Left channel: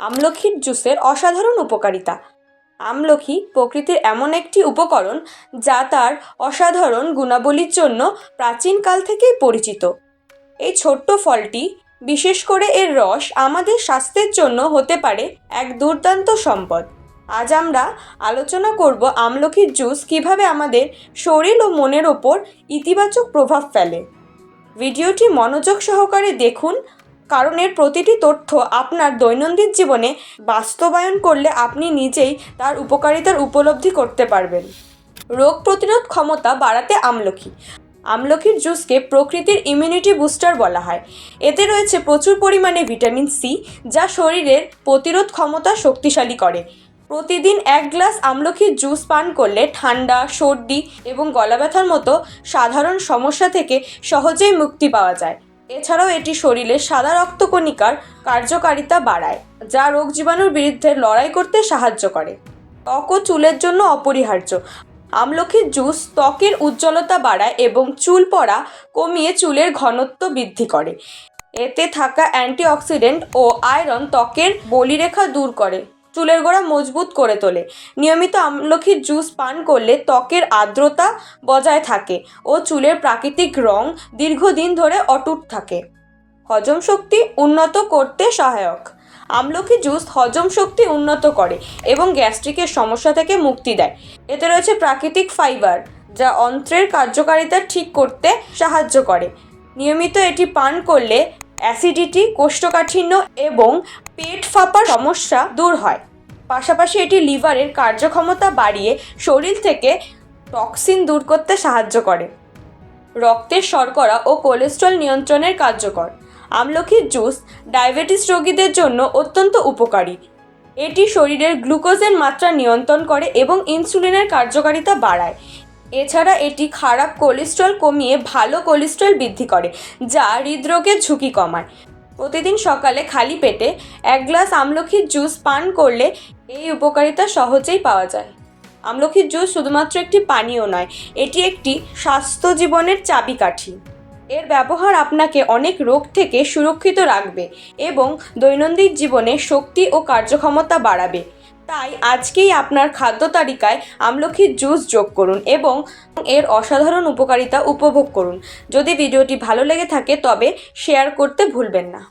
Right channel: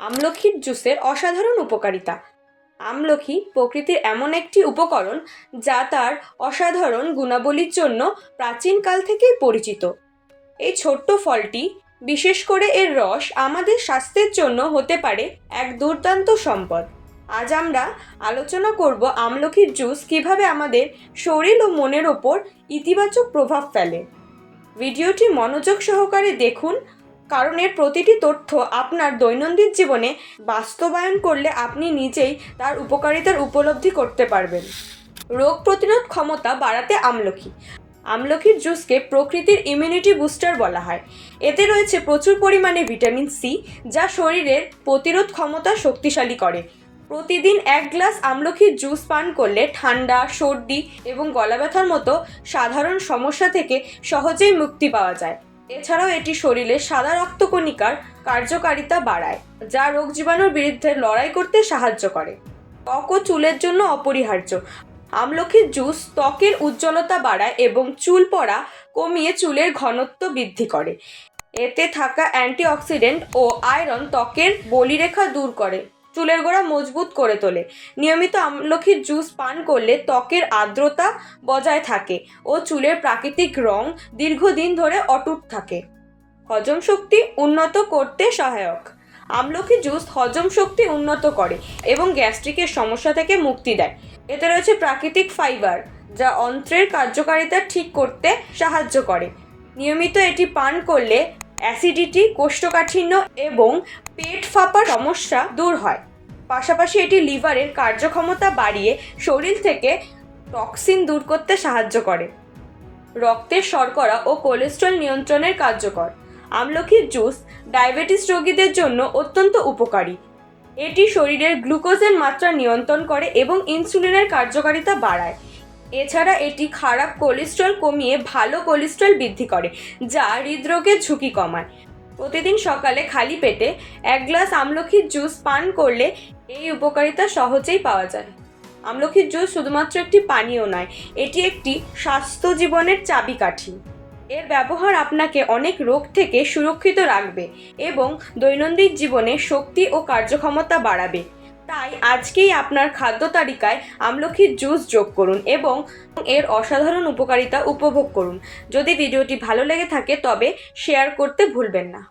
আমলকির জুসের অসাধারণ উপকারিতা। আমলকি প্রকৃতির এমন একটি উপকরণ যা তার অসাধারণ গুণাবলীর জন্য প্রাচীনকাল থেকেই পরিচিত। এই ছোট্ট ফলটি, বিশেষ করে এর রস, আমাদের স্বাস্থ্যের জন্য হতে পারে এক দুর্দান্ত সম্পদ। আজ আমরা আলোচনা করব আমলকির জুস কিভাবে আমাদের শরীর ও মনের ওপর ইতিবাচক প্রভাব ফেলে। ভিডিওটি মনোযোগ সহকারে দেখুন, কারণ এর প্রতিটি তথ্য আপনার দৈনন্দিন জীবনে বাস্তবায়ন করলে আপনি নিজেই তার উপকারিতার উপলব্ধি করতে পারবেন। রোগ প্রতিরোধ ক্ষমতা বাড়াতে আমলকির জুসকে প্রকৃতির ইমিউনিটি বুস্টার বলা হয়। এতে রয়েছে প্রচুর পরিমাণে ভিটামিন সি, যা শরীরের প্রতিরোধ ক্ষমতা শক্তিশালী করে। প্রতিদিন 1 গ্লাস আমলকির জুস পান করলে ঠান্ডা, সর্দি এবং গলা ব্যথার মতো সাধারণ সমস্যা থেকে সহজেই মুক্তি পাওয়া যায়। এছাড়াও এটি শরীরে সাদা রক্তকণিকার কার্যকারিতা বাড়ায়, যা রোগ জীবাণুর বিরুদ্ধে লড়াই করতে সাহায্য করে। ত্বক ও চুলের জন্য অপরিহার্য। আমলকির জুস ত্বকের উজ্জ্বলতা বাড়ায় এবং চুল পড়া কমিয়ে চুলের ঘনত্ব বৃদ্ধি করে। এতে থাকা অ্যান্টিঅক্সিডেন্ট ও আয়রন ত্বকের বলিরেখা দূর করে, চুলের গোড়া মজবুত করে তোলে। নিয়মিত আমলকির জুস পান করলে ত্বকের আর্দ্রতা বজায় থাকে ও চুলের প্রাকৃতিক রং দীর্ঘদিন ধরে অটুট থাকে। হজম শক্তি উন্নত করতে সহায়ক। আমলকি জুস হজম শক্তি উন্নত করে এবং গ্যাস্ট্রিকের সমস্যা থেকে মুক্তি দেয়। এতে রয়েছে প্রাকৃতিক ফাইবার, যা অন্ত্রের কার্যকারিতা ঠিক করতে সাহায্য করে। নিয়মিত এটি পান করলে অ্যাসিডিটি, কোষ্ঠকাঠিন্য এবং পেট ফাঁপার সমস্যা দূর হয়। পাশাপাশি এটি লিভারের কার্যক্ষমতা বাড়িয়ে শরীর থেকে টক্সিন দূর করতে সাহায্য করে। রক্তের শর্করা ও কোলেস্ট্রল নিয়ন্ত্রণের কার্যকর। আমলকির জুস ডায়াবেটিস রোগীদের জন্য অত্যন্ত উপকারী। এটি শরীরের গ্লুকোজের মাত্রা নিয়ন্ত্রণ করে এবং ইনসুলিনের কার্যকারিতা বাড়ায়। এছাড়া এটি খারাপ কোলেস্ট্রল কমিয়ে ভালো কোলেস্ট্রল বৃদ্ধি করে, যা হৃদরোগের ঝুঁকি কমায়। প্রতিদিন সকালে খালি পেটে 1 গ্লাস আমলকির জুস পান করলে এই উপকারিতা সহজেই পাওয়া যায়। আমলকির জুস শুধুমাত্র একটি পানীয় নয়, এটি একটি স্বাস্থ্য জীবনের চাবিকাঠি। এর ব্যবহার আপনাকে অনেক রোগ থেকে সুরক্ষিত রাখবে এবং দৈনন্দিন জীবনে শক্তি ও কার্যক্ষমতা বাড়াবে। তাই আজকেই আপনার খাদ্য তালিকায় আমলকির জুস যোগ করুন এবং এর অসাধারণ উপকারিতা উপভোগ করুন। যদি ভিডিওটি ভালো লেগে থাকে তবে শেয়ার করতে ভুলবেন না।